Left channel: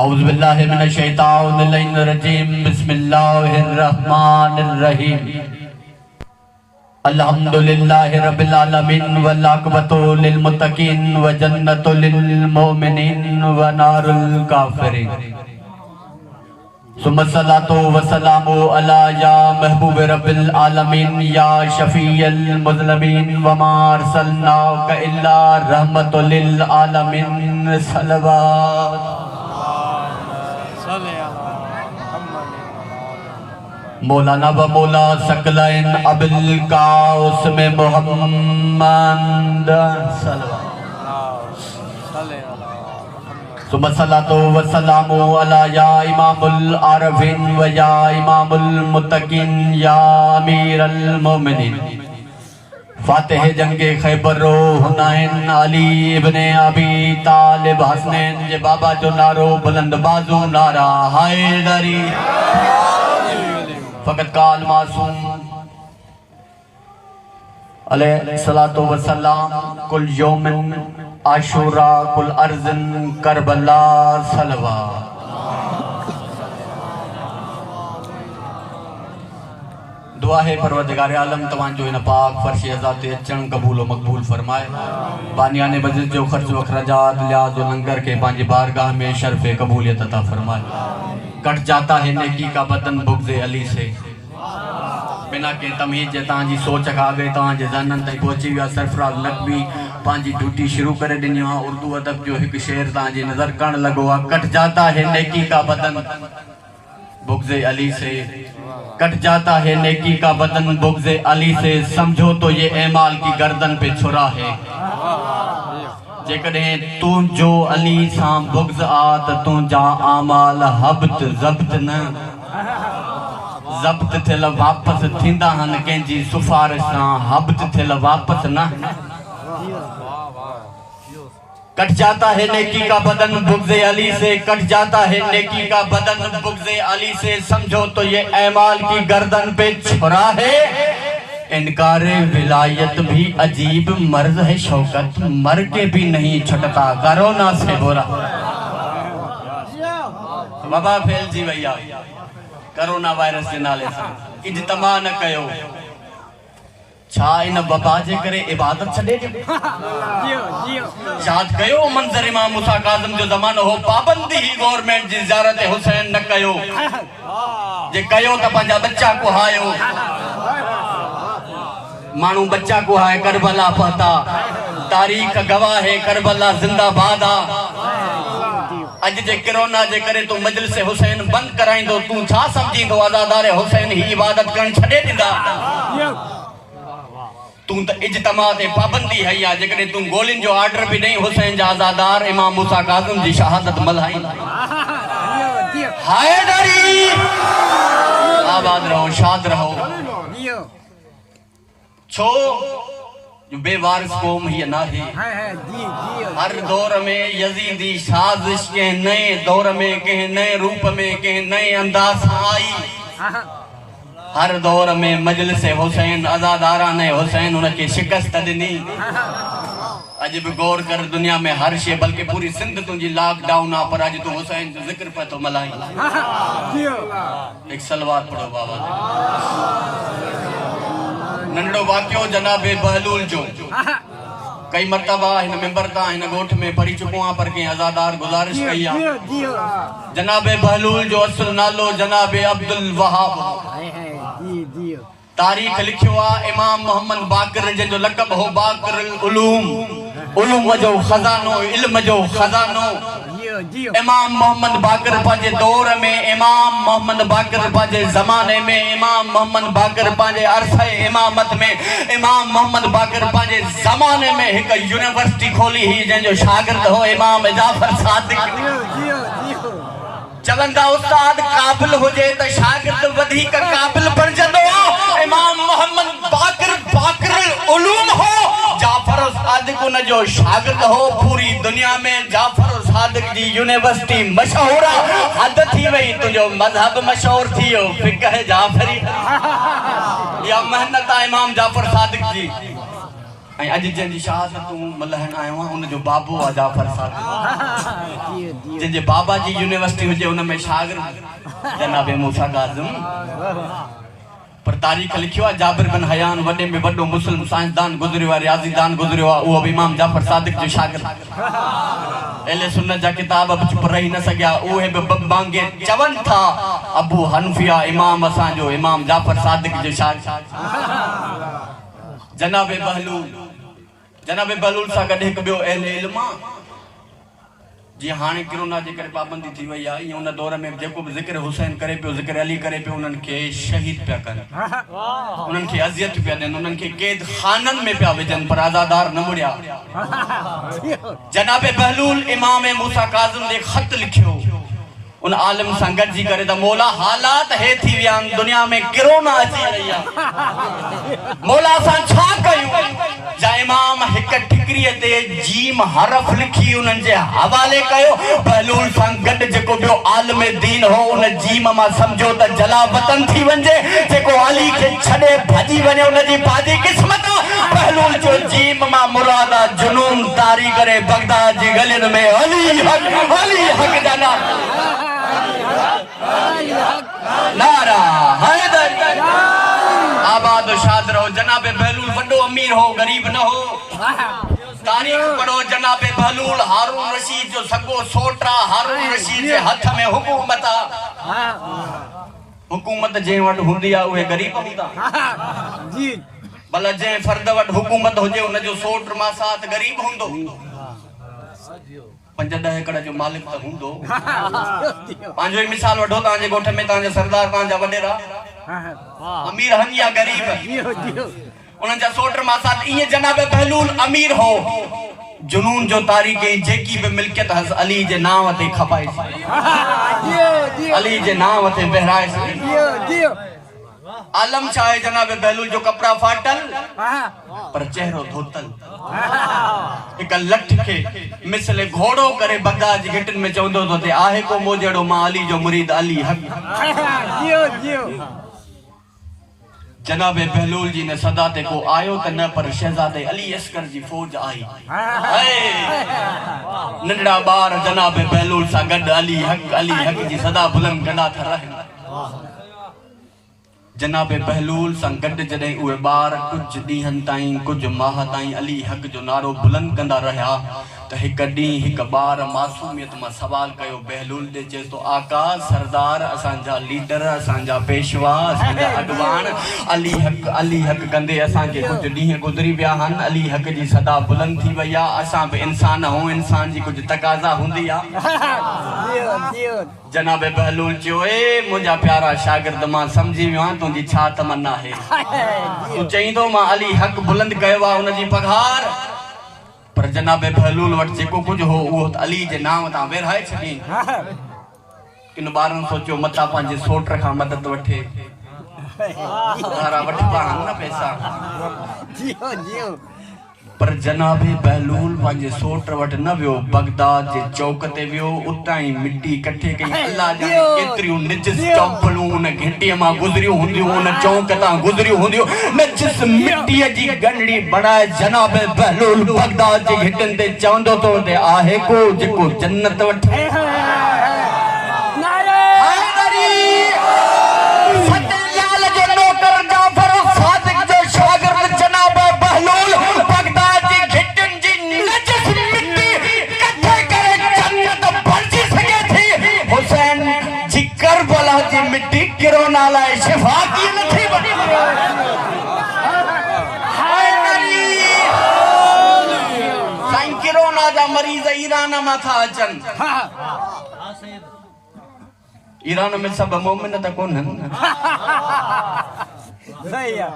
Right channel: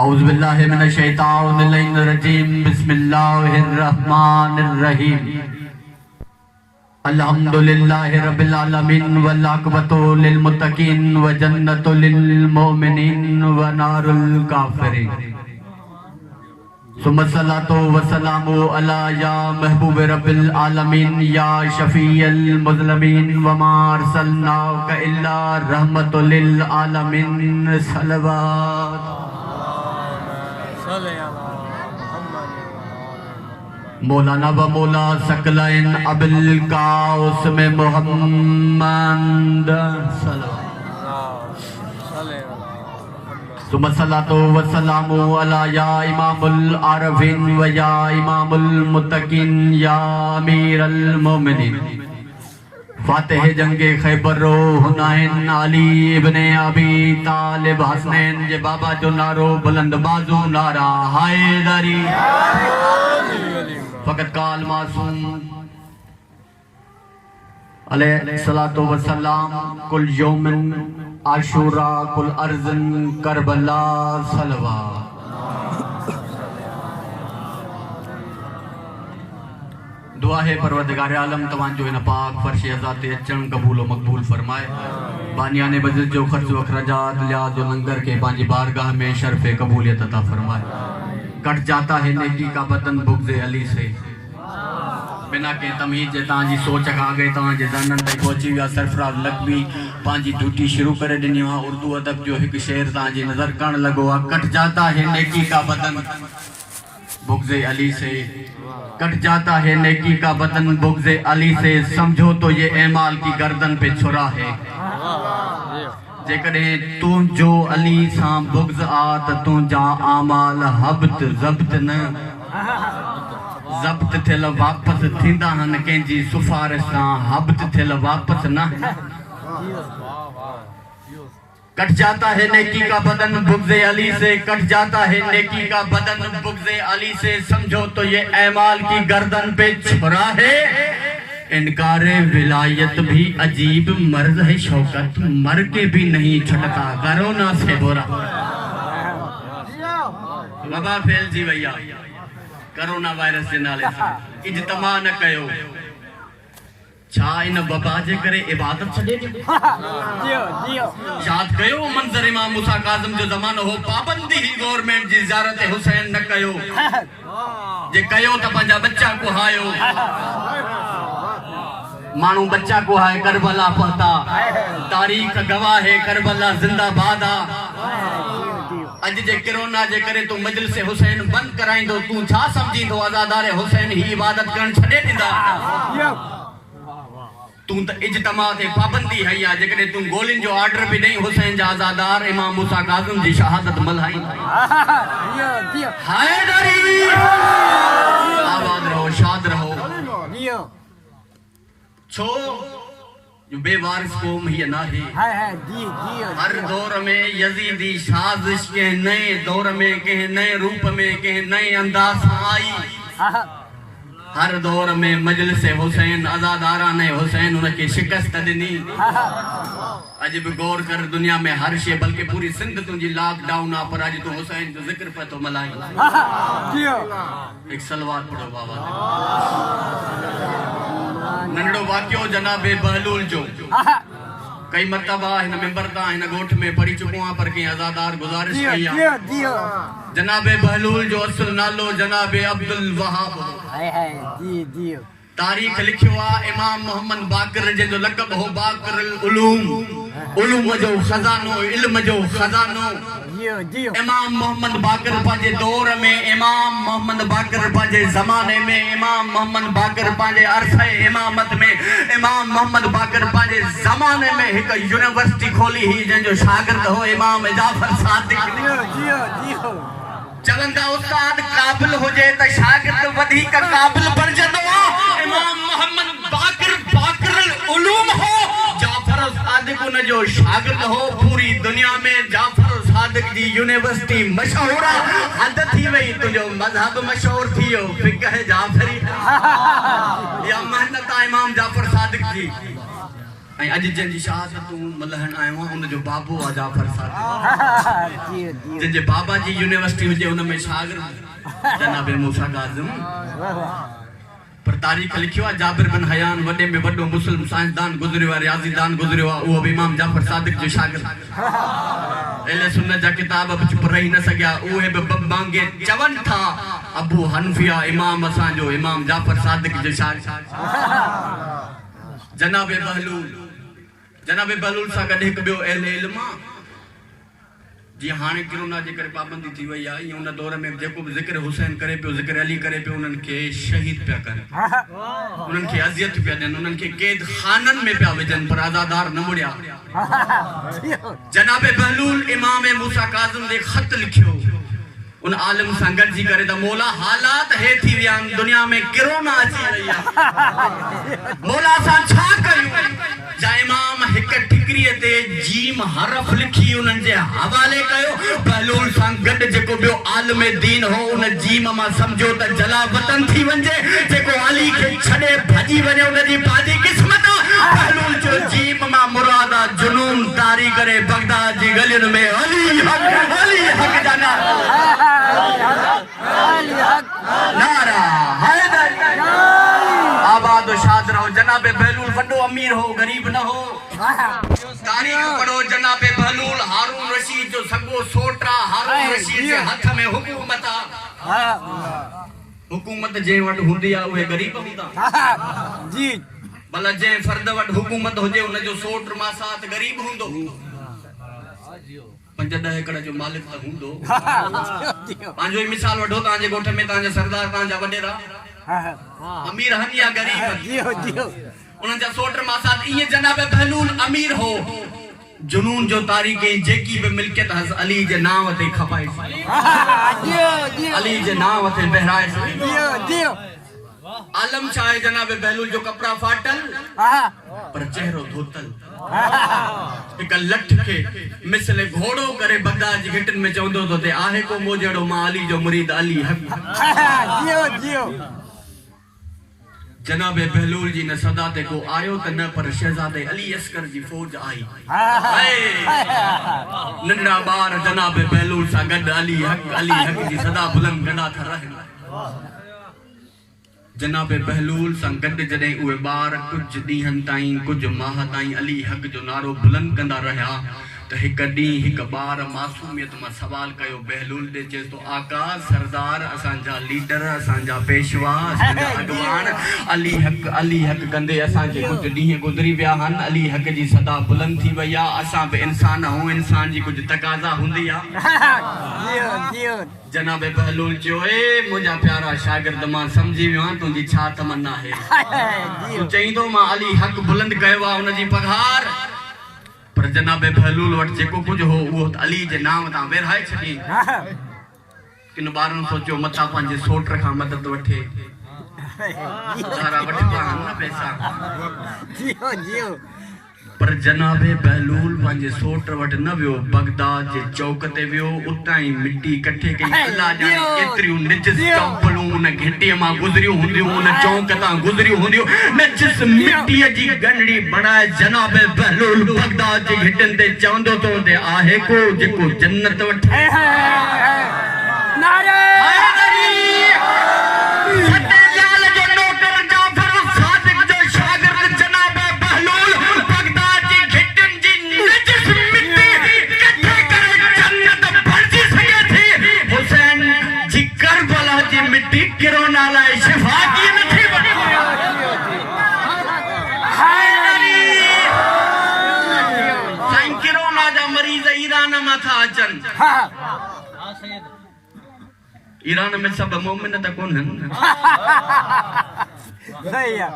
औज़ु बिल्लाहि मिनश शैतानिर रजीम बिस्मिल्लाहिर रहमानिर रहीम अल्हम्दुलिल्लाहि रब्बिल आलमीन वल आक़िबतु लिल मुत्तक़ीन व जन्नतु लिल मोमिनीन व नारुल काफ़िरीन सुम्मा सलातु व सलामु अला या महबूब रब्बिल आलमीन या शफ़ीअल मुज़लमीन व मा अरसलनाका इल्ला रहमतुल लिल आलमीन सल्लल्लाहु मौलाना व मौला सकलैन अबिल काउस में मोहम्मद सुम्मा सलातु व सलामु अला या इमामुल आरिफीन व या इमामुल मुत्तकीन या अमीरुल मोमिनीन फातिह जंगे खैबर हुनैन अली इब्ने अबी तालिब हसनैन जे बाबा जो नारो बुलंद बाजू नारा हैदरी फकत काल मासूम अलैहिस्सलातु वस्सलाम कुल यौमिन आशूरा कुल अर्ज़न करबला सलवा दुआ है परवरदिगार आलम तवांजो इन पाक फर्श अज़ात अचण कबूल व मकबूल फरमाए बानियाने मस्जिद जो खर्च व खराजात लिहाज व लंगर के पांजी बारगाह में शर्फ कबूलियत अता फरमाए कट जाता है नेकी का बदन बुग़्ज़े अली से बिना के तमीज़ जे तांजी सोच खा गई तांजे ज़हनन ते पहुंची विया सरफराज लकबी पांजी ड्यूटी शुरू करे दिनी हा उर्दू अदब जो एक शेर तांजी नजर कण लगो आ कट जाता है नेकी का बदन बुग़्ज़े अली से कट जाता है नेकी का बदन बुग़्ज़े अली से समझो तो ये ऐमाल की गर्दन पे छुरा है जेकॾहिं तू जो अली सां बुग़्ज़ आ त तुंहिंजा आमाल हब्त ज़ब्त न ज़ब्त थियल वापसि थींदा आहिनि कंहिंजी सिफ़ारिश सां हब्त थियल वापसि न कट जाता है नेकी का बदन बुग़्ज़े अली से कट जाता है नेकी का बदन बुग़्ज़े अली से समझो तो ये ऐमाल की गर्दन पे छुरा है इनकारे विलायत भी अजीब मर्ज है शौकत मर के भी नहीं छटता कोरोना से बुरा बाबा फैल जी भैया कोरोना वायरस के नाले से इज्तिमा न कयो छा इन बाबा जे करे इबादत छडे याद कयो मंजर इमाम मूसा काज़िम जो ज़मानो हो पाबंदी ही गवर्नमेंट जी ज़ियारत हुसैन न कयो जे कयो त पंहिंजा बच्चा को हायो मानू बच्चा को है करबला पता तारीख गवाह है करबला जिंदाबाद अज जे कोरोना जे करे तू मजलिस हुसैन बंद कराइंदो तू छा समझी तो आज़ादार हुसैन ही इबादत करण छडे दिंदा तू त इज्तिमा ते पाबंदी है या जे करे तू गोलिन जो ऑर्डर भी नहीं हुसैन जा आज़ादार इमाम मूसा काज़िम जी शहादत मल्हाई हैदरी आबाद रहो शाद रहो छो जो बेवारिस कौम ही ना है हर दौर में यजीदी साजिश के नए दौर में के नए रूप में के नए अंदाज आई हर दौर में मजलिस हुसैन आज़ादारा ने हुसैन उनके शिकस्त दिनी अज भी गौर कर दुनिया में हर शे बल्कि पूरी सिंध तुझी लॉकडाउन आ पर आज तू हुसैन जो जिक्र पे तो मलाई एक सलवात पढ़ो बाबा नंढड़ो वाक्यो जनाबे बहलूल जो कई मरतबा इन मेंबर ता इन गोठ में पढ़ी चुको आ पर के आज़ादार गुजारिश कई आ जनाबे बहलूल जो असल नालो जनाबे अब्दुल वहाब तारीख लिखियो आ इमाम मोहम्मद बाकर जे जो लक़ब हो बाकर उलूम जो खजानो इल्म जो खजानो इमाम मोहम्मद बाकर पांजे दौर में इमाम मोहम्मद बाकर पांजे जमाने में इमाम मोहम्मद बाकर पांजे अरसे इमामत में इमाम मोहम्मद बाकर पांजे जमाने में एक यूनिवर्सिटी खोली ही जो शागिर्द हो इमाम जाफर सादिक चलंदा उस्ताद काबिल हो जाए तो शागिर्द वधी का काबिल बन जंदो इमाम मोहम्मद बाकर उलूम हो जाफर सादिक उन जो शागिर्द हो पूरी दुनिया में जाफर सादिक जी यूनिवर्सिटी मशहूर हद थी वही तुझो मजहब मशहूर थियो फिक़ह जाफरी या मेहनत इमाम जाफर सादिक जी ऐं अॼु जंहिंजी शहादतूं मल्हाइण आयो आहियां उनजो बाबो आहे जाफर सादिक जंहिंजे बाबा जी यूनिवर्सिटी हुजे उन में शागिर्द जनाब मूसा काज़िम पर तारीख़ लिखियो आहे जाबिर बिन हयान वॾे में वॾो मुस्लिम साइंसदान गुज़रियो आहे रियाज़ीदान गुज़रियो आहे उहो बि इमाम जाफर सादिक जो शागिर्द अहले सुन्नत जा किताब बि चुप रही न सघिया उहे बि बंबांगे चवनि था अबू हनफिया इमाम असांजो इमाम जाफर सादिक जो शागिर्द जनाब बहलूल सां गॾु हिकु ॿियो अहले इल्म आहे जीअं हाणे कोरोना जे करे पाबंदी थी वई आहे ईअं उन दौर में जेको बि ज़िक्र हुसैन करे पियो ज़िक्र अली करे पियो उन्हनि खे शहीद पिया कनि उन्हनि खे अज़ियत पिया ॾियनि उन्हनि खे क़ैद खाननि में पिया विझनि पर आज़ादार न मुड़िया जनाब बहलूल इमाम मूसा काज़िम खे ख़त लिखियो उन आलिम सां गॾिजी करे त मौला हालात हे थी विया आहिनि दुनिया में कोरोना अची रही आहे मौला असां छा कयूं जा इमाम हिक ठिकरीअ ते जीम हरफ लिखी उन्हनि जे हवाले कयो बहलूल सां गॾु जेको ॿियो आलिम दीन हो उन जीम मां सम्झो त जला वतन थी वञे जेको अली खे छॾे भॼी वञे उनजी पाजी क़िस्मत बहलूल जो जीम मां मुराद जुनून तारी करे बगदाद जी गलियुनि में अली हक जा नारा हैदर आबाद शाद रहो जनाब बहलूल वड्डो अमीर हो गरीब न हो तारीख पढ़ो जनाब बहलूल हारून रशीद जो सगो सोटरा हारून रशीद जे हथ में हुकूमत हुकूमत जे वट हुंदी आ उहे गरीब हूंदा जी भला जे फर्द वट हुकूमत हुजे उन जो सोट मां साथ गरीब हुंदो 5-10 एकड़ जो मालिक त हुंदो पांजो ही मिसाल वठो तांजे गोठ में तांजे सरदार तांजा वडेरा अमीर हन या गरीब उन जा सोटर मां साथ इए जनाब बहलूल अमीर हो जुनून जो तारीख़ जेकी भी मिल्कियत हस अली जे नाम ते खपाए अली जे नाम ते बहराए आलम शाह जनाब बहलूल जो कपड़ा फाटल पर चेहरो धोतल एक लठ के मिसले घोड़ो करे बगदाद जी घिटन में चवंदो तो ते आहे को मोजड़ो मां अली जो मुरीद अली हक जियो जनाब बहलूल जी ने सदा ते को आयो त न पर शहजादे अली अस्कर जी फौज आई नंढड़ा बार जनाब बहलूल सा गड अली हक जी सदा बुलंद कंदा था रहे जनाब बहलूल सां गॾु जॾहिं उहे ॿार कुझु ॾींहंनि ताईं कुझु माह ताईं अली हक जो नारो बुलंद कंदा रहिया त हिकु ॾींहुं हिकु ॿार मासूमियत मां सवाल कयो बहलूल ॾे चए थो आका सरदार असांजा लीडर असांजा पेशवा असांजा अॻवान अली हक कंदे असांखे कुझु ॾींहं गुज़री विया आहिनि अली हक जी सदा बुलंद थी वई आहे असां बि इंसान आहियूं इंसान जी कुझु तक़ाज़ा हूंदी आहे जनाब बहलूल चयो मुंहिंजा प्यारा शागिर्द मां सम्झी वियो आहियां तुंहिंजी छा तमन्ना आहे तूं चईंदो मां अली हक बुलंद कयो आहे उनजी पघार पर जनाब बहलूल वटि जेको कुझु हो उहो अली जे नाम तां विरहाए छॾी किन ॿारनि सोचियो मता पंहिंजे सोट खां मदद वठे वठिबा आहिनि न पैसा पर जनाब बहलूल पंहिंजे सोट वटि न वियो बगदाद जे चौक ते वियो उतां ई मिट्टी कठे कई अल्लाह जाने केतिरियूं निजिस चंपलूं उन घिटीअ मां गुज़रियूं हूंदियूं उन चौक तां गुज़रियूं हूंदियूं निजिस मिट्टीअ जी गंढड़ी बणाए जनाब बहलूल बगदाद जे घिटियुनि ते चवंदो तो ते आहे को जेको जन्नत वठे नारे मिट्टी किरोना लाए शिफा की मिठी बनी साईं किरोना जा मरीज ईरान में था अचन ईरान में सब मोमिन त कोन सही है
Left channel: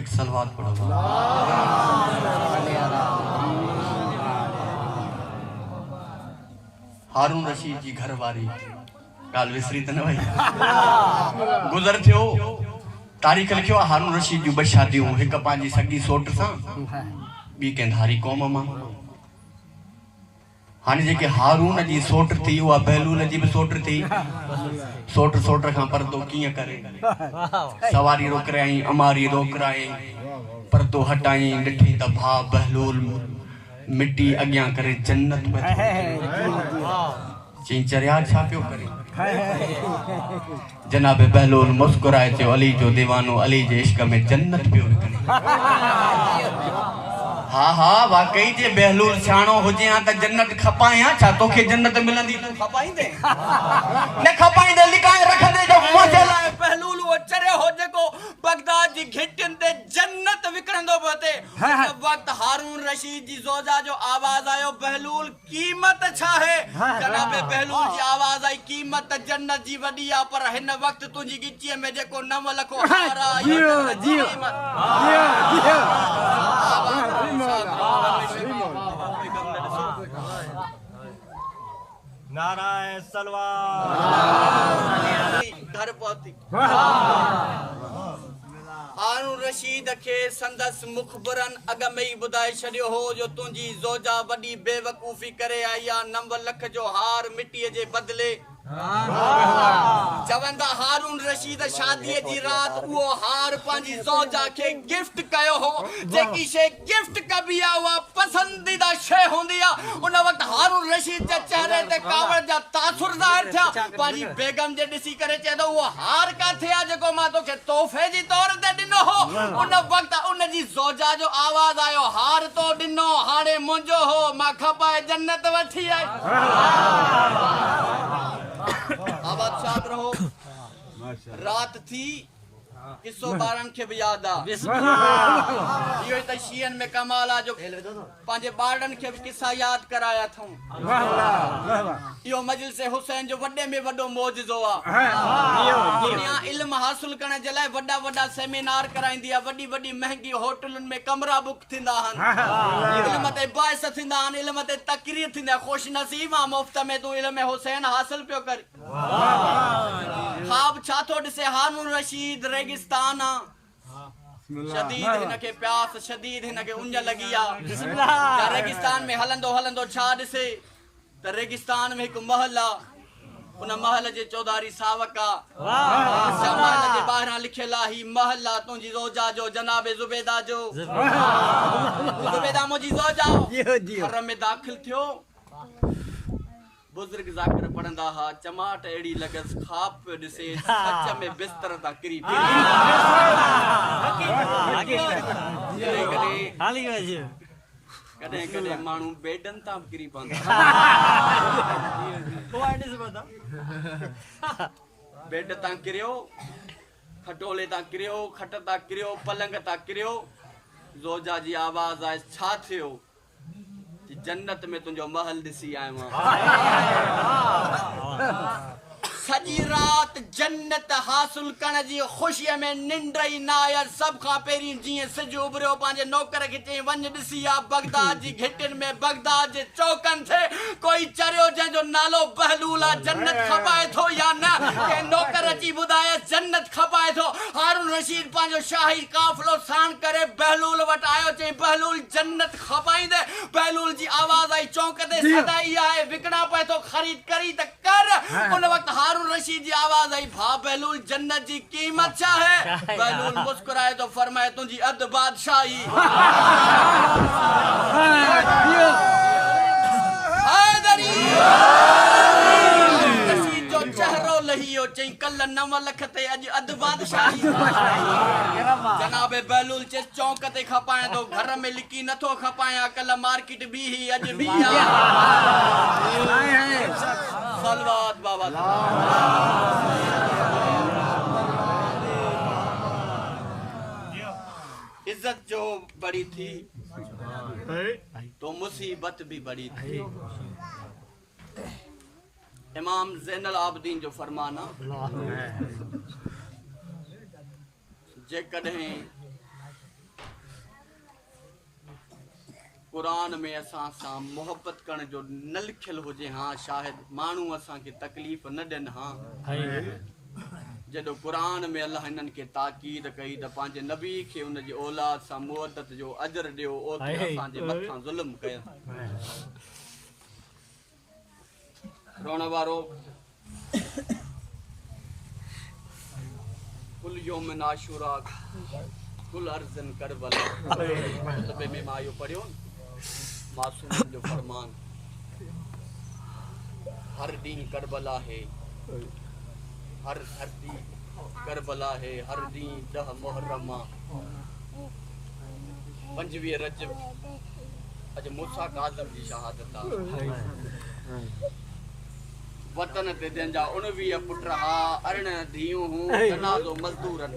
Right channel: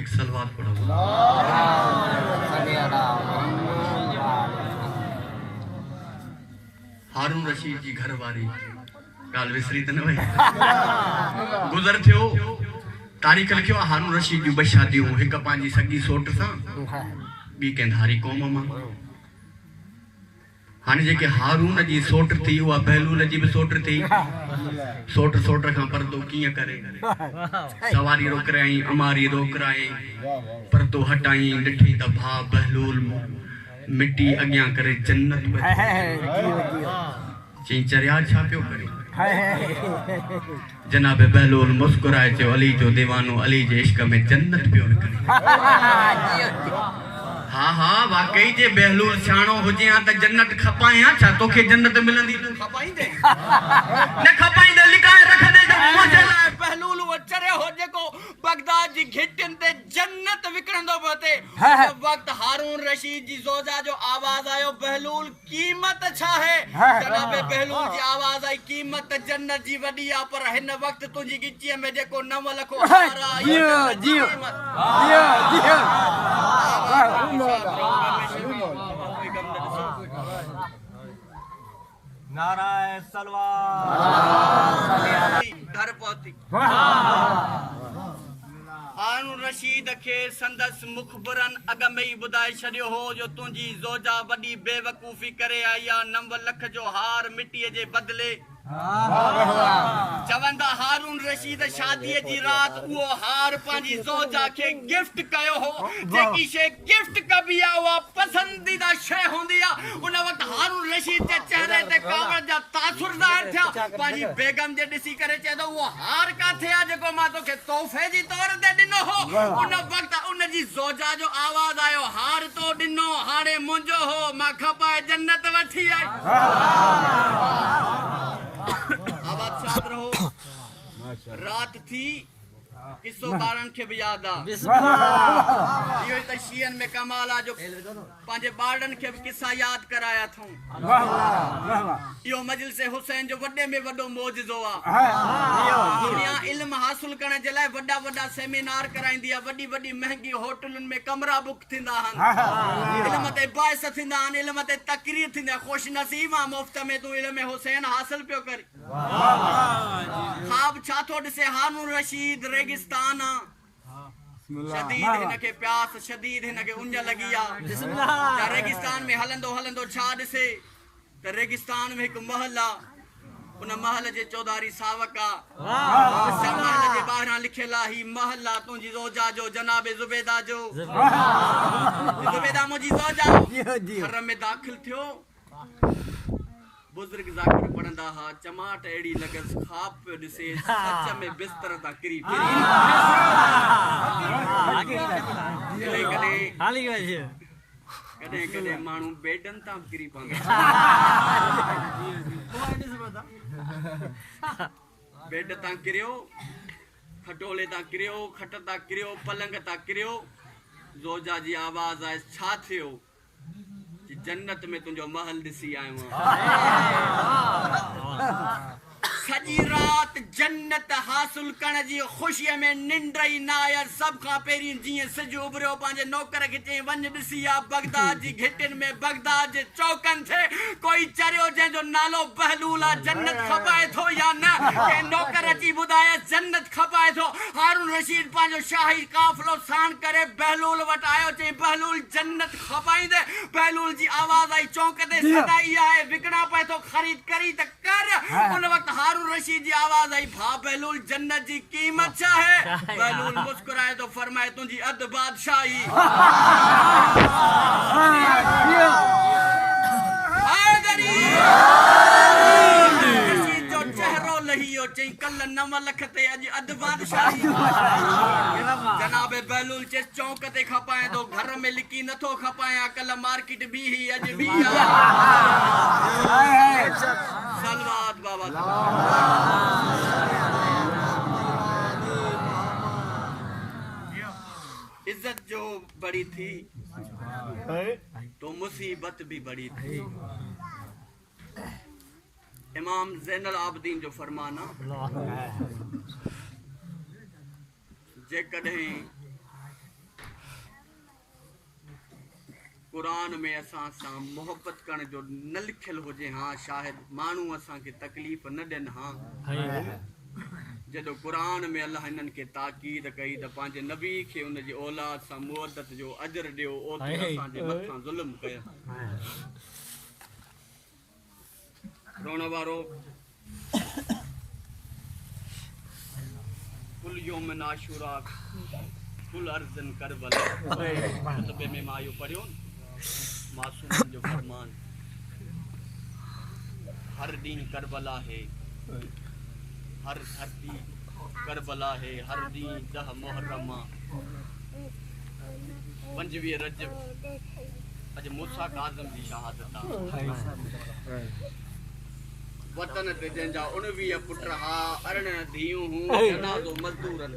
एक सलवात पढ़ो हारून रशीद जी घर वारी गाल विसरी त न वई गुज़र थियो तारीख़ लिखियो हारून रशीद जूं 2 शादियूं हिक पंहिंजी सगी सोट सां ॿी कंहिं धारी क़ौम मां हाणे जेके हारून जी सोट थी उहा बहलूल जी भी सोट थी सोट खां पर्दो कीअं करे सवारी रोकराई अमारी रोकराई पर्दो हटाई ॾिठी त भाउ बहलूल मिट्टी अॻियां करे जन्नत में चई चरिया छा पियो करे जनाब बहलूल मुस्कुराए चयो अली जो दीवानो अली जे इश्क में जन्नत पियो निकिरे हाँ हाँ वाकई जे बहलूल सियाणो हुजे हा त जन्नत खपाए हा छा तोखे जन्नत मिलंदी तू खपाईंदे न खपाईंदे लिकाए रख दे जो मुझे लाए बहलूल वो चरे हो जेको बगदाद जी घिटिन ते जन्नत विकरंदो पते वक्त हारून रशीद जी जोजा जो आवाज आयो बहलूल कीमत छा है जनाब बहलूल जी आवाज आई कीमत जन्नत जी वडी आ पर हिन वक्त तुजी गिची में जेको 9 लख हारा जियो जियो जियो जियो नाराय सलवार घर पहुती हारून रशीद के संदस मुखबरन अग में ही बुधाए छड़ियो हो जो तुंजी जोजा वडी बेवकूफी करे आई 9 लख जो हार मिट्टी जे बदले चवंदा हारून रशीद शादी जी रात वो हार पांजी जोजा के गिफ्ट कयो हो जेकी शे गिफ्ट कबी आ वो पसंदीदा शे होंदी आ उन वक्त हारून रशीद के चेहरे ते कावड़ जा तासुर ज़ाहिर थिया पांजी बेगम जे दिसी करे चेदो वो हार का थिया जेको मा तो के तोहफे जी तौर ते दिनो हो उन वक्त उन जी जोजा जो आवाज आयो हार तो दिनो हाणे मुंजो हो मा खपाए जन्नत वठी आई आवाज शाद रहो रात थी किस्सो बारन के भी याद आ यो त शियन में कमाल आ जो पांजे बारन के किस्सा याद कराया थूं यो मजलिस से हुसैन जो वडे में वडो मौजूदो आ दुनिया इल्म हासिल करने जे लाए वडा वडा सेमिनार कराइंदी आ वडी वडी महंगी होटलन में कमरा बुक थिंदा हन इल्म ते बाइस थिंदा हन इल्म ते तकरीर थिंदा खुश नसीब आ मुफ्त में तू इल्म हुसैन हासिल पियो कर ख्वाब छा थो ॾिसे हारून रशीद रेगिस्तान शदीद हिनके प्यास शदीद हिनके उंज लगी आ रेगिस्तान में हलंदो हलंदो छा ॾिसे त रेगिस्तान में एक महल आ उन महल जे चौधारी सावक आ महल जे ॿाहिरां लिखियल आ ही महल आ तुंहिंजी जोजा जो जनाब ज़ुबैदा जो ज़ुबैदा मुंहिंजी जोजा घर में दाख़िल थियो बुजुर्ग जाकिर पढ़ंदा हा चमाट एड़ी लगस ख्वाब पे दिसे सच में बिस्तर ता किरी कदे कदे मानू बेडन ता किरी पंदा बेड ता किरियो खटोले ता किरियो खट ता किरियो पलंग ता किरियो जोजा जी आवाज आए छा थियो जन्नत में तुझो महल दिसी आयो सजी रात जन्नत हासिल करण जी खुशी में निंड ही ना आया सब का पेरी जी सज उभरियो पांजे नौकर के चे वन दिसी आ बगदाद जी घिटिन में बगदाद जे चौकन थे कोई चरियो जे जो नालो बहलूल आ जन्नत खपाए थो या ना के नौकर अची बुधाए जन्नत खपाए थो हारून रशीद पांजो शाही काफलो साण करे बहलूल वट आयो चे बहलूल जन्नत खपाइंदे बहलूल जी आवाज आई चौक ते सदाई आए विकड़ा पे तो खरीद करी त कर उन वक्त हारून रशीद जी आवाज आई भा बहलूल जन्नत जी कीमत क्या है बहलूल मुस्कुराए तो फरमाए तुझी अद बादशाही जो चेहरो लहियो चई कल 9 लख ते अज अद बादशाही जनाब बहलूल जे चौक ते खपाए तो घर में लिकी नथो खपाया कल मार्केट भी ही अज भी सलवात बाबा इज्जत जो बड़ी थी तो मुसीबत भी बड़ी थी इमाम ज़ैनुल आबिदीन जो फरमाना जे कदें कुरान में असां सां मोहब्बत करण जो न लिखियल हुजे हाँ शायद मानू असां के तकलीफ न देन हाँ जदों कुरान में अल्लाह इन्हनि के ताकीद कई त पंहिंजे नबी के उन जी औलाद सां मुवद्दत जो अजर ॾियो ओतिरो असां जे मथां ज़ुल्म कया रोण वारो कुल यौमन आशूरा कुल अर्जन करबला तबे में मायो पढ़ियो मासूम जो फरमान हर दिन करबला है हर धरती करबला है हर दिन 10 मुहर्रमा 25 रजब अज मूसा काज़िम जी शहादत आ वतन ते जंजा 19 पुट हा 18 धीऊं हूं जनाज़ो मजदूरन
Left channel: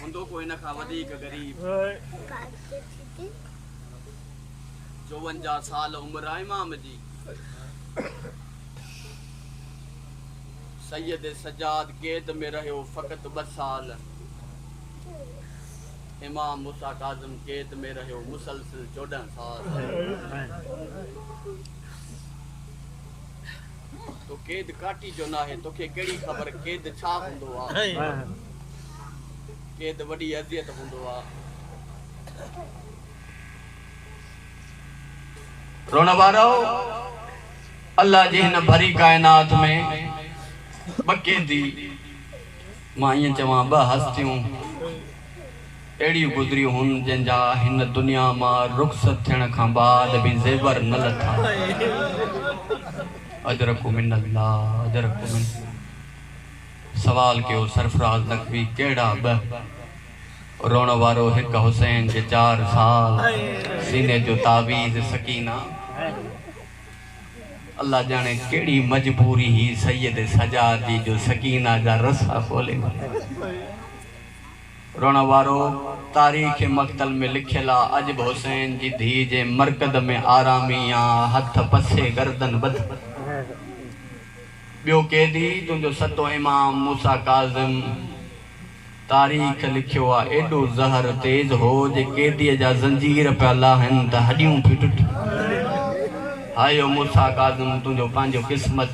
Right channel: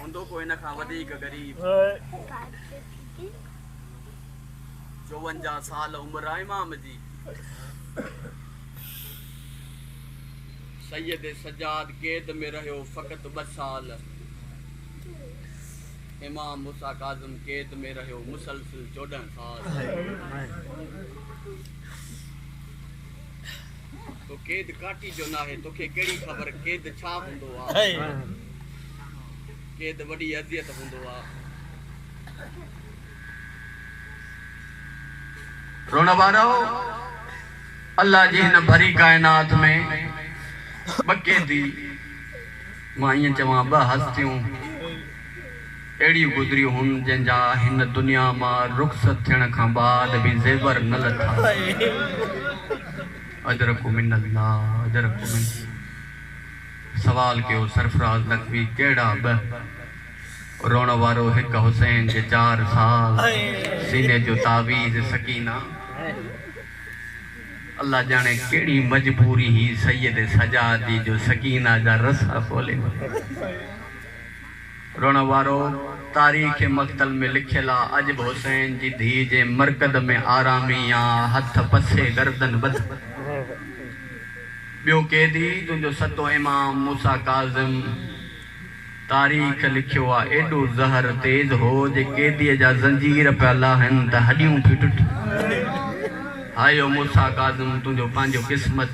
हुंदो को इन खां वधीक गरीब 54 साल उम्र आहे इमाम जी सैयद सजाद कैद में रहियो फ़क़त 2 साल इमाम मूसा काज़िम कैद में रहियो मुसलसिल 14 साल तो कैद काटी जो ना है तोखे केड़ी खबर कैद छा हुंदो आ कैद वडी अज़ियत हुंदो आ रोण वारो अल्लाह जी हिन भरी कायनात में बकेदी मां ईअं चवां 2 हस्तियूं अहिड़ियूं गुज़रियूं हुन जंहिंजा हिन दुनिया मां रुख़सत थियण खां बाद बि ज़ेवर न लथा अजरकु मिनल्लाह अजरकु मिन सवाल कयो सरफराज़ नक़वी कहिड़ा 2 रोण वारो 1 हुसैन जे 4 साल सीने जो तावीज़ सकीना अल्लाह जाने केड़ी मजबूरी ही सैयद सजाद जी जो सकीना जा रसा खोले रोण वारो तारीख़ मक़तल में लिखियल आ अजब हुसैन जी धी जे मरकद में आरामी आ हथ पसे गर्दन बद बियो कैदी तुंहिंजो सतो इमाम मूसा काज़िम तारीख़ लिखियो आ एडो ज़हर तेज हो जे कैदीअ जा ज़ंजीर पिया लाहन त हड्डियूं पई टुट हायो मूसा काज़िम तुंहिंजो पंहिंजो क़िस्मत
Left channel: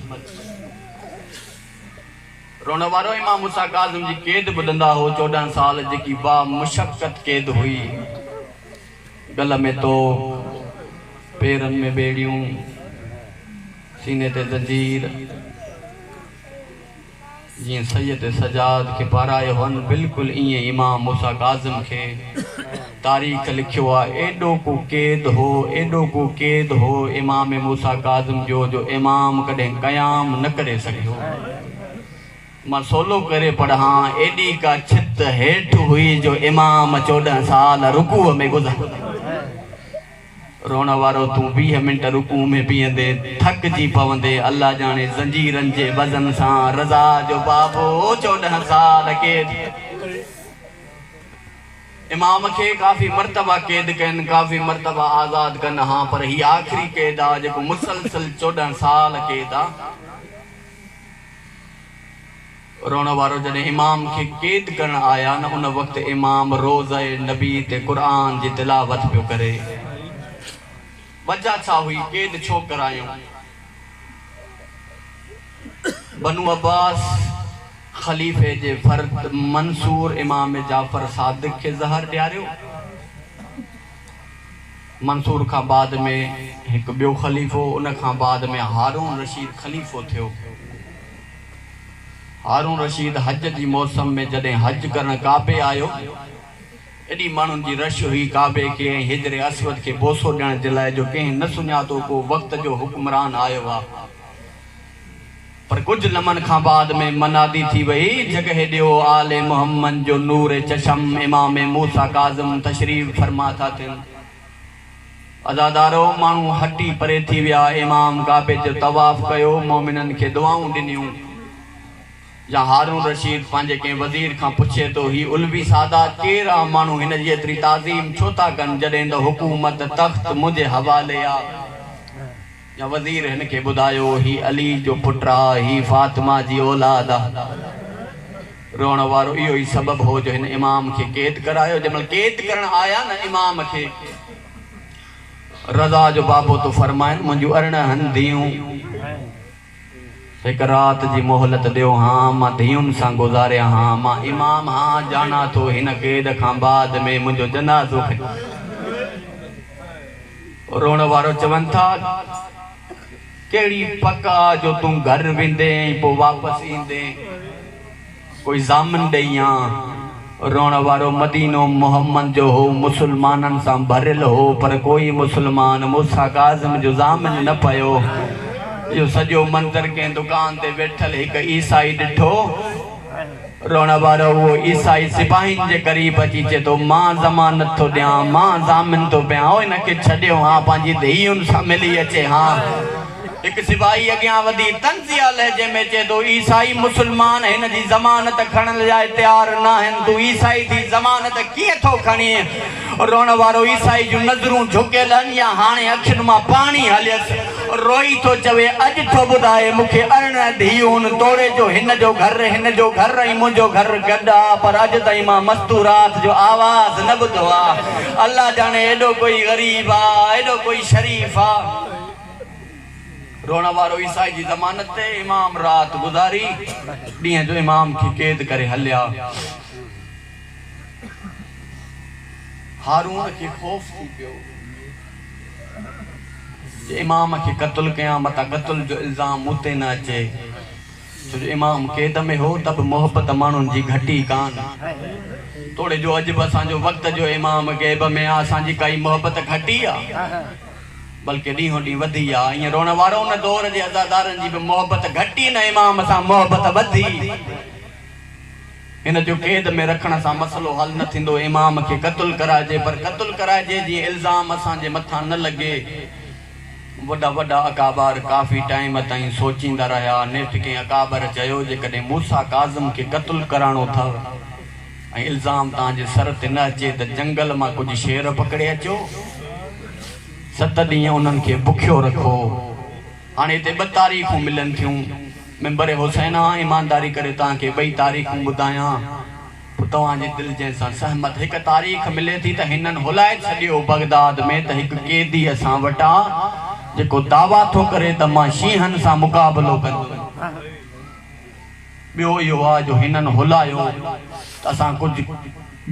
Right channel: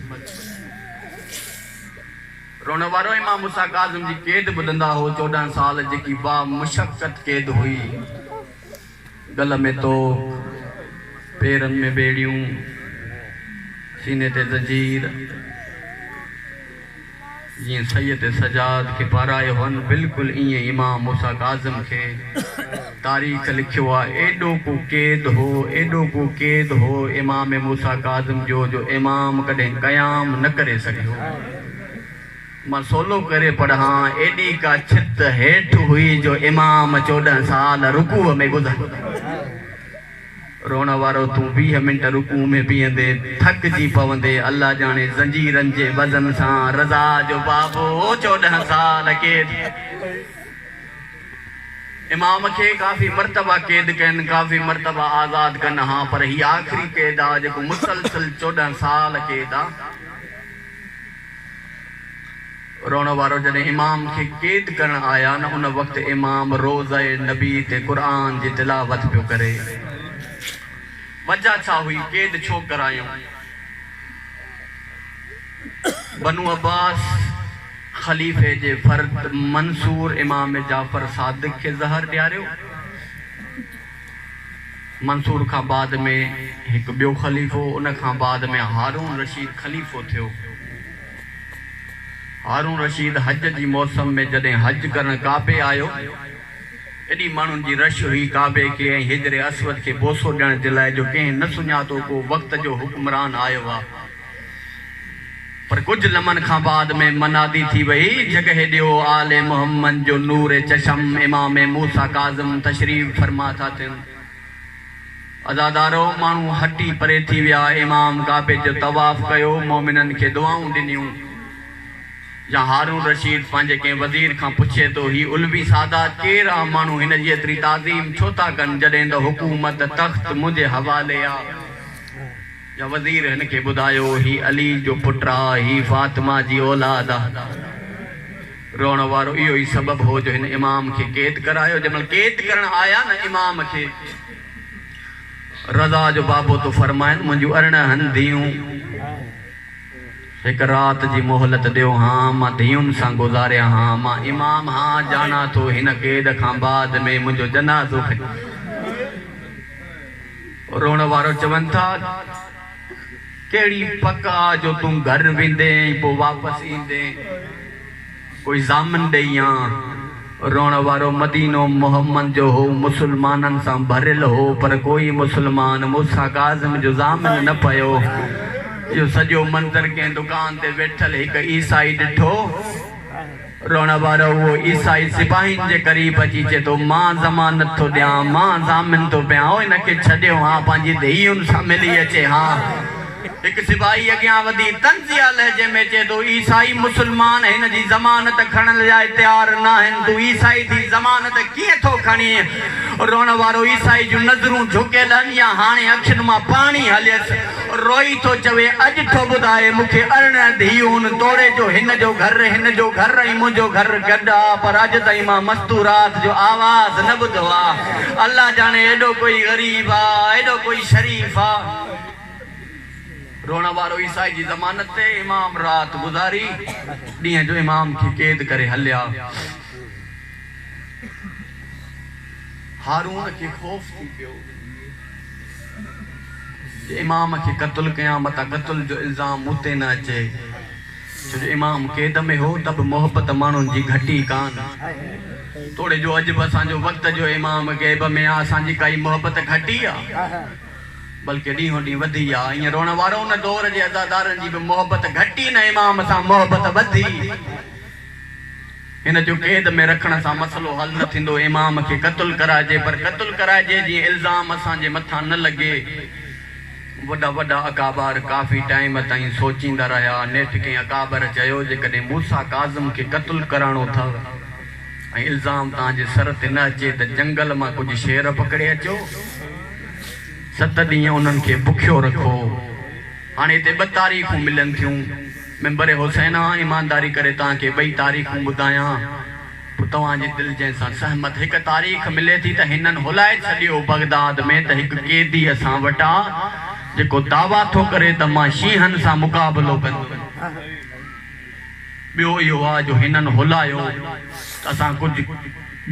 रोण वारो इमाम मूसा काज़िम जी कैद ॿुधंदा हो 14 साल जेकी बा मुशक्क़त कैद हुई गल में तो पेरन में बेड़ियूं सीने ते ज़ंजीर जीअं सैयद सजाद खे पारायो हन बिल्कुलु ईअं इमाम मूसा काज़िम खे तारीख़ लिखियो आहे एॾो को कैद हो इमाम मूसा काज़िम जो इमाम कॾहिं क़याम न करे सघियो मां सोलो करे पढ़ां एॾी का छित हेठि हुई जो इमाम 14 साल रुकूअ में गुज़र रोण वारो तू 20 मिनट रुकू में बीहंदे थकजी पवंदे अल्लाह जाने ज़ंजीरनि जे वज़न सां रज़ा जो बाबो 14 साल कैद इमाम खे काफ़ी मरतबा कैद कनि काफ़ी मरतबा आज़ाद कनि हाँ पर ही आख़िरी कैद आहे जेको मुसलसिल 14 साल कैद आहे रोण वारो जॾहिं इमाम खे कैद करण आया न उन वक़्तु इमाम रोज़े नबी ते क़ुरान जी तिलावत पियो करे वजह छा हुई कैद छो करायूं बनु अब्बास खलीफ़े जे फर्द मंसूर इमाम जाफ़र सादिक खे ज़हर ॾियारियो मंसूर खां बाद में हिकु ॿियो खलीफ़ो उन खां बाद में हारून रशीद खलीफ़ो थियो हारून रशीद हज जी मौसम में जॾहिं हज करण काबे आयो एॾी माण्हुनि जी रश हुई काबे खे ऐं हिजरे असवद खे बोसो ॾियण जे लाइ जो कंहिं न सुञातो को वक़्त जो हुक्मरान आयो आहे पर कुछ लम्हनि खां बाद में मनादी थी वई जगह ॾियो आले मोहम्मद जो नूर चशम इमाम मूसा काज़िम तशरीफ़ फरमा था थियनि अज़ादारो माण्हू हटी परे थी विया इमाम काबे जो तवाफ़ कयो मोमिननि खे दुआऊं ॾिनियूं या हारून रशीद पंहिंजे कंहिं वज़ीर खां पुछे तो ही उलवी सादात केरु आहे माण्हू हिन जी एतिरी ताज़ीम छो था कनि जॾहिं त हुकूमत तख़्त मुंहिंजे हवाले आहे या वज़ीर हिन खे ॿुधायो ही अली जो पुटु आहे ही फातिमा जी औलाद आहे रोअण वारो इहो ई सबबु हो जो हिन इमाम खे कैद करायो जंहिंमहिल कैद करण आया न इमाम खे रज़ा जो बाबो तो फरमाइनि मुंहिंजूं 18 धीअरूं एक रात जी मोहलत दियो हाँ मां धीउनि सां गुज़ारिया हाँ मां इमाम हाँ जाना तो हिन कैद खां बाद में मुंहिंजो जनाज़ो रोण वारो चवन था केड़ी पक्का जो तू घर वेंदे पो वापस ईंदे कोई जामन ॾेया रोण वारो मदीनो मोहम्मद जो हो मुसलमानन सां भरियल हो पर कोई मुसलमान मूसा काज़िम जो जामन न पयो यो सॼो मंज़र कंहिं दुकान ते वेठल हिकु ईसाई ॾिठो रोण वारो वो ईसाई सिपाहियुनि जे क़रीब अची चए थो मां ज़मानत थो ॾियां मां जामिन थो पियां ओ हिनखे छॾियो हा पंहिंजी धीउनि सां मिली अचे हा एक सिपाही अॻियां वधी तंज़िया लहजे में चए थो ईसाई मुसलमान हिन जी ज़मानत खणण लाइ तयार न आहिनि तूं ईसाई जी ज़मानत कीअं थो खणी रोण वारो ईसाई जूं नज़रूं झुकियल आहिनि या हाणे अखियुनि मां पाणी हलियसि रोई थो चवे अॼु थो ॿुधाए मूंखे 18 धीउनि तोड़े जो हिन जो घर ऐं मुंहिंजो घर गॾु आहे पर अॼु ताईं मां मस्तूरात जो आवाज़ न ॿुधो आहे अल्लाह जाने एॾो कोई ग़रीब आहे एॾो कोई शरीफ़ आहे रोण वारो ईसाई जी ज़मानत ते इमाम रात गुज़ारी ॾींहं जो इमाम खे क़ैद करे हलिया हारून खे ख़ौफ़ थी पियो इमाम खे क़त्ल कयां मता क़त्ल जो इल्ज़ाम मूं ते न अचे छो जो इमाम क़ैद में हो त बि मोहबत माण्हुनि जी घटी कान थोरे जो अॼु बि असांजो वक़्त जो इमाम क़ैद में आहे असांजी काई मोहबत घटी आहे बल्कि ॾींहों ॾींहुं वधी आहे ईअं रोण वारो उन दौर जे अज़ादारनि जी बि मोहबत घटी न इमाम सां मोहबत वधी हिन जो क़ैद में रखण सां मसलो हल न थींदो इमाम खे क़त्ल कराइजे पर क़त्ल कराइजे जीअं इल्ज़ाम असांजे मथां न लॻे वॾा वॾा अकाबार काफ़ी टाइम ताईं सोचींदा रहिया नेठि कंहिं अकाबर चयो जेकॾहिं मूसा काज़िम खे क़त्ल कराइणो अथव ऐं इल्ज़ाम तव्हांजे सर ते न अचे त जंगल मां कुझु शेर पकड़े अचो 7 ॾींहं उन्हनि खे बुखियो रखो हाणे हिते 2 तारीख़ूं मिलनि थियूं मेंबर हुसैना ईमानदारी करे तव्हांखे 2 तारीख़ूं ॿुधायां पोइ तव्हांजे दिलि जंहिंसां सहमत हिकु तारीख़ मिले थी त हिननि हुलाए छॾियो बगदाद में त हिकु क़ैदी असां वटां जेको दावा थो करे त मां शींहनि सां मुक़ाबिलो कंदुमि ॿियो इहो आहे जो हिननि हुलायो त असां कुझु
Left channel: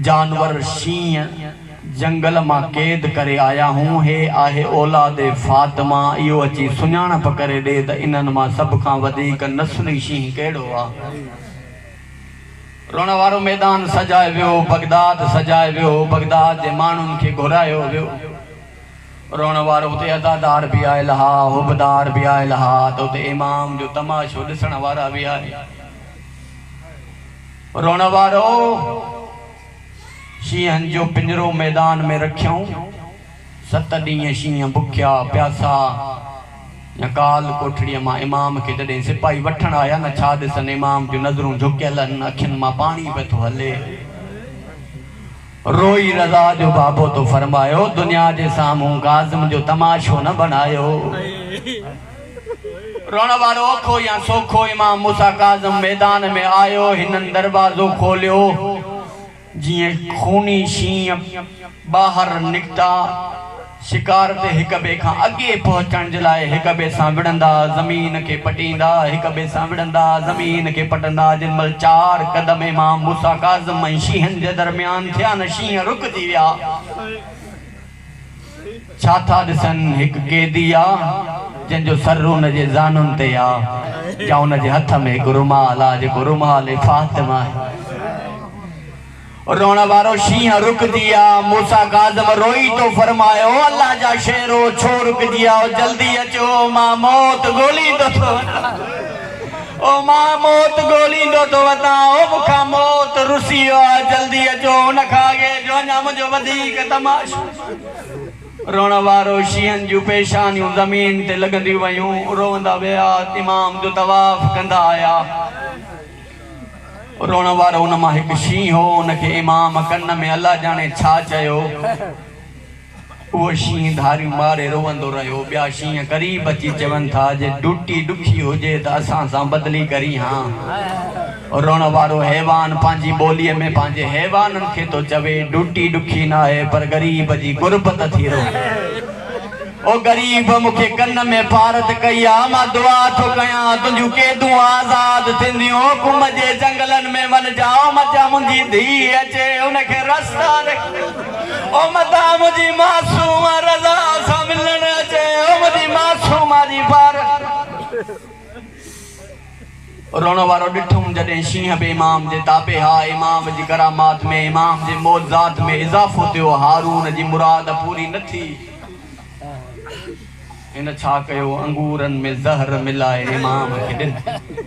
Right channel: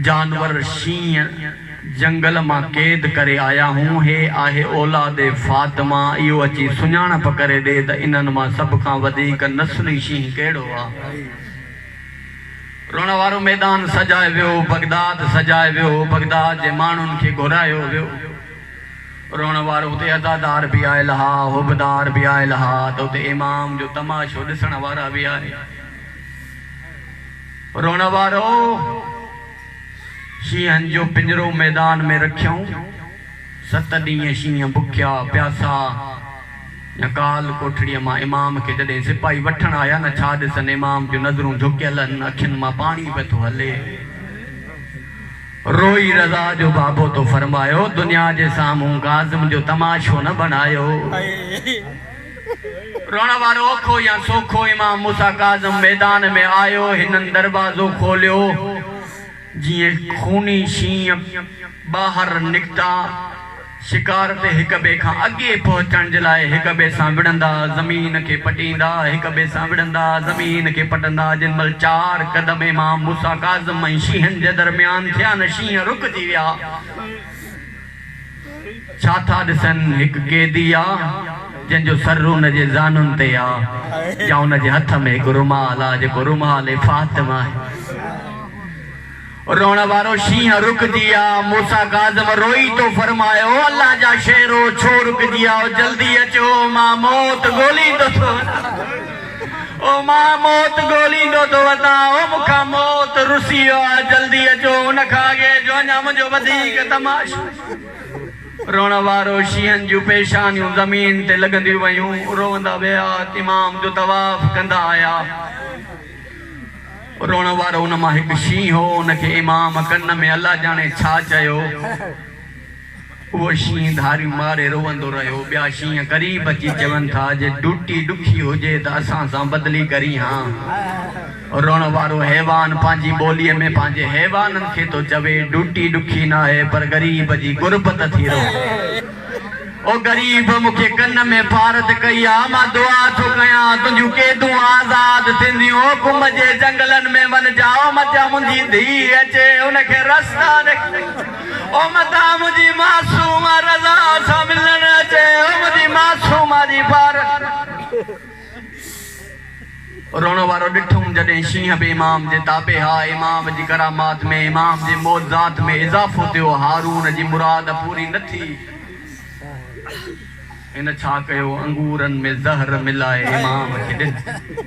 जानवर शींहं जंगल मां क़ैद करे आया हूं हे आहे औलाद फातिमा इहो अची सुञाणप करे ॾे त इन्हनि मां सभ खां वधीक नस्ली शींहं कहिड़ो आहे रोण वारो मैदान सजाए वियो बगदाद सजाए वियो बगदाद जे माण्हुनि खे घुरायो वियो रोण वारो उते अदादार बि आयल हा हुबदार बि आयल हा त उते इमाम जो तमाशो ॾिसण वारा बि आया रोण वारो शींहनि जो पिंजरो मैदान में रखियऊं 7 ॾींहं शींहं बुखिया प्यासा या काल कोठड़ीअ मां इमाम खे जॾहिं सिपाही वठण आया न छा ॾिसनि इमाम जूं नज़रूं झुकियल आहिनि अखियुनि मां पाणी पियो थो हले रोई रज़ा जो बाबो तो फरमायो दुनिया जे साम्हूं काज़िम जो तमाशो न बनायो रोण वारो औखो या सोखो इमाम मूसा काज़िम मैदान में आयो हिननि दरवाज़ो खोलियो जीअं खूनी शींहं ॿाहिरि निकिता शिकार ते हिक ॿिए खां अॻे पहुचण जे लाइ हिक ॿिए सां विढ़ंदा ज़मीन खे पटींदा हिक ॿिए सां विढ़ंदा ज़मीन खे पटंदा जिन महिल 4 क़दम इमाम मूसा काज़िम ऐं शींहनि जे दरमियान थिया न शींहं रुकिजी विया छा था ॾिसनि हिकु क़ैदी आहे जंहिंजो सर हुन जे ज़ानुनि ते आहे या हुन जे हथ में हिकु रुमाल आहे जेको रुमाल फातिमा आहे रोण वारो शींहं रुकजी आ मूसा काज़िम रोई तो फरमायो अल्लाह जा शेरो छो रुकजी आओ जल्दी अचो मां मौत गोलींदो थो ओ मां मौत गोलींदो थो वञा ओ मूंखां मौत रुसी वियो आहे जल्दी अचो हुन खां अॻे जो अञा मुंहिंजो वधीक तमाशो रोण वारो शींहनि जूं पेशानियूं ज़मीन ते लॻंदियूं वयूं रोवंदा विया इमाम जो तवाफ़ कंदा आया रोण वारो उन मां हिकु शींहं हो उनखे इमाम कन में अल्लाह जाने छा चयो उहो शींहं धारियूं मारे रोवंदो रहियो ॿिया शींहं क़रीब अची चवनि था जे ड्यूटी ॾुखी हुजे त असां सां बदिली करी हां रोण वारो हैवान पंहिंजी ॿोलीअ में पंहिंजे हैवाननि खे थो चवे ड्यूटी ॾुखी न आहे पर ग़रीब जी गुरबत थी रहे ओ गरीब मुखे कन में फारत कया मां दुआ थो कया तुझू केदू आजाद थिंदियो कुम जे जंगलन में वन जाओ मचा मुंजी धी अचे उनखे रस्ता ओ मता मुंजी मासूम रज़ा सां मिलन अचे ओ मुंजी मासूम जी बार रोण वारो ॾिठुमि जॾहिं शींहं बि इमाम जे ताबे हा इमाम जी करामात में इमाम जे मौज़ात में इज़ाफ़ो थियो हारून जी मुराद पूरी न थी इन छा कयो अंगूरनि में ज़हर मिलाए इमाम खे ॾिनो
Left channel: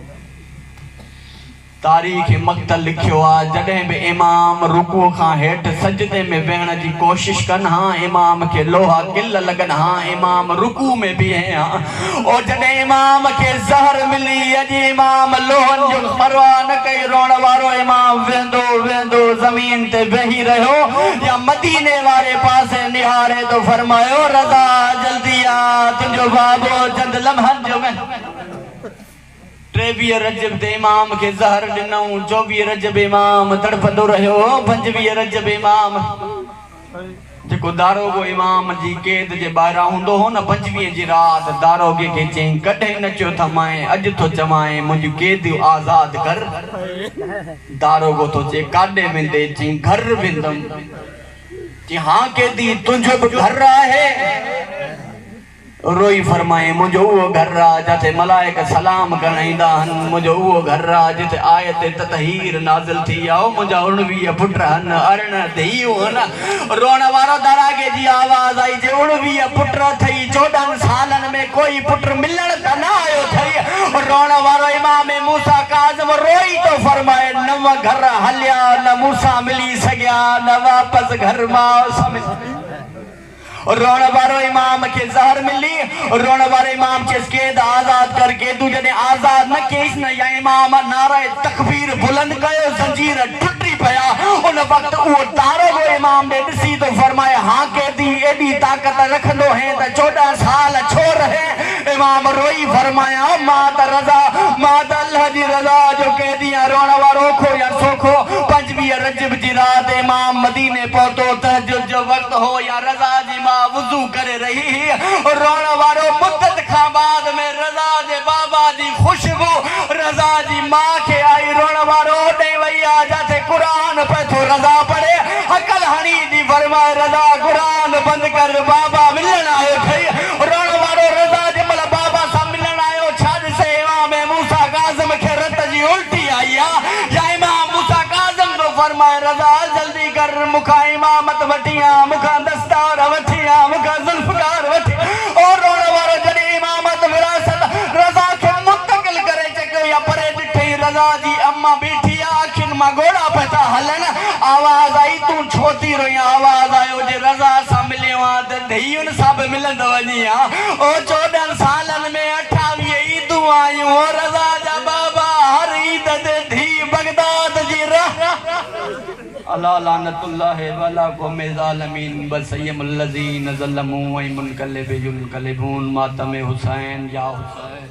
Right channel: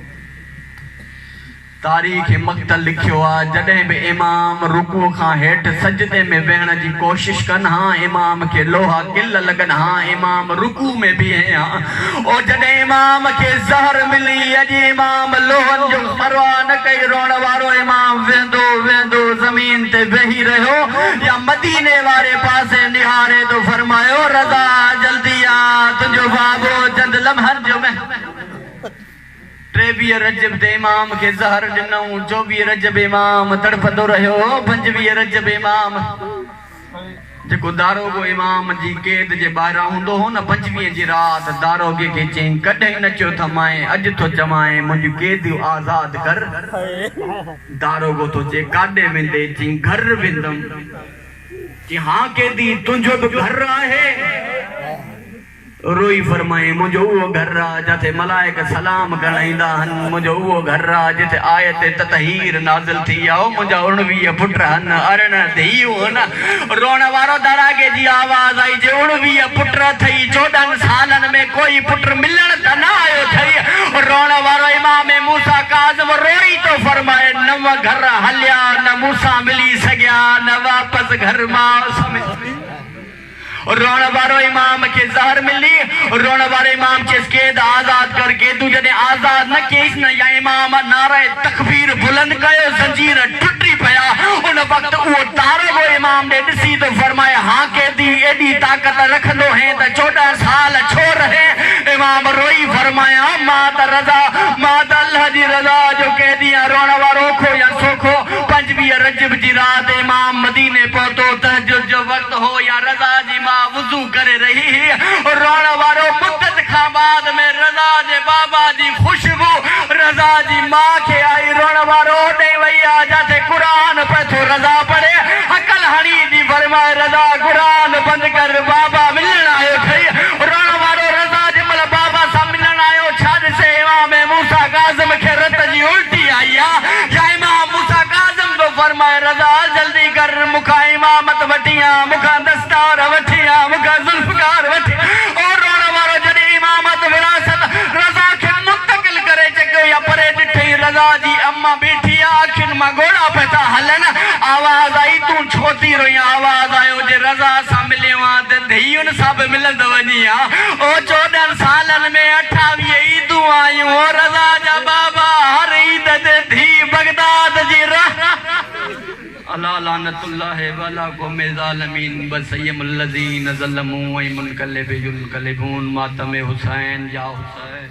तारीख़ मक़तल लिखियो आहे जॾहिं बि इमाम रुकूअ खां हेठि सजदे में वेहण जी कोशिश कनि हा इमाम खे लोहा किल लॻनि हा इमाम रुकू में बीहे हा ओ जॾहिं इमाम खे ज़हर मिली अॼु इमाम लोहनि जो परवाह न कई रोण वारो इमाम वेंदो वेंदो ज़मीन ते वेही रहियो या मदीने वारे पासे निहारे तो फरमायो रज़ा जल्दी आ तुंहिंजो बाबो चंद लम्हनि जो में 23 रजब ते इमाम खे ज़हर ॾिनऊं 24 रजब इमाम तड़पंदो रहियो 25 रजब इमाम जेको दारोगो इमाम जी कैद जे ॿाहिरां हूंदो हो न 25 जी राति दारोगे खे चयईं कॾहिं न चयो त मां अॼु थो चवां मुंहिंजूं कैदियूं आज़ाद कर दारोगो थो चए काॾे वेंदे चयईं घर वेंदुमि चयईं हा कैदी तुंहिंजो बि घर आहे रोई फरमाए मुझो वो घर जिथे मलाइक सलाम करण ईंदा आहिनि मुझो वो घर जिथे आयत ततहीर नाज़िल थी आओ मुझा 19 पुट आहिनि अरिण धीउ आहिनि रोण वारो दारागे जी आवाज़ आई जे 19 पुट थई 14 सालनि में कोई पुट मिलण त न आयो थई रोण वारो इमाम मूसा काज़िम रोई तो फरमाए नव घर हलिया न मूसा मिली सघिया न वापस घर मां समिझ रोण वारो इमाम के ज़हर मिली रोण वारो इमाम के कैद आजाद करके तू जने आजाद न केस न या इमाम नारे तकबीर बुलंद कयो जंजीर टुटी पया उन वक्त वो तारो वो इमाम ने दिसी तो फरमाए हां कैदी एडी ताकत रखंदो है त 14 साल छो रहे इमाम रोई फरमाया मां त रज़ा मां त अल्लाह जी रज़ा जो कैदी रोण वारो खो या सोखो 25 रजब जी रात इमाम मदीने पहुतो तहज्जुद जो वक्त हो या रज़ा जी वुज़ू करे रही रोण वारो मुद्दत खां बाद में रज़ा जे बाबा जी खुशबू रज़ा जी मां खे आई रोण वारो ॾे वई आ जाते कुरान पे तो रज़ा पढ़े अकल हणी दी फरमाए रज़ा कुरान बंद कर बाबा मिलण आयो थई रोण वारो रज़ा जे मल बाबा सां मिलण आयो छा ॾिसे इमाम मूसा काज़िम खे रत जी उल्टी आई आ या इमाम मूसा काज़िम तो फरमाए रज़ा जल्दी कर मुखा इमामत वठिया मुखा दस्तार वठिया मुखा जुल्फकार वठी और रोण वारो जॾहिं इमामत विरासत रज़ा खे मुंतकिल करे चकियो या परे ॾिठई रज़ा जी अम्मा बीठी आ अखियुनि मां ॻोढ़ा पिया था हलनि आवाज़ आई तूं छो थी रोई आवाज़ आयो जे रज़ा सां मिलियो आ त धीउनि सां बि मिलंदो वञी आ ओ 14 सालनि में 28 ईदूं आयूं ओ रज़ा जा बाबा हर ईद ते धी बगदाद जी अल्लाह लानतुल्लाह वला क़ौम ज़ालिमीन बसय्यमुल लज़ीन ज़लमू व मुनक़लिबुल क़लिबून मातम हुसैन या हुसैन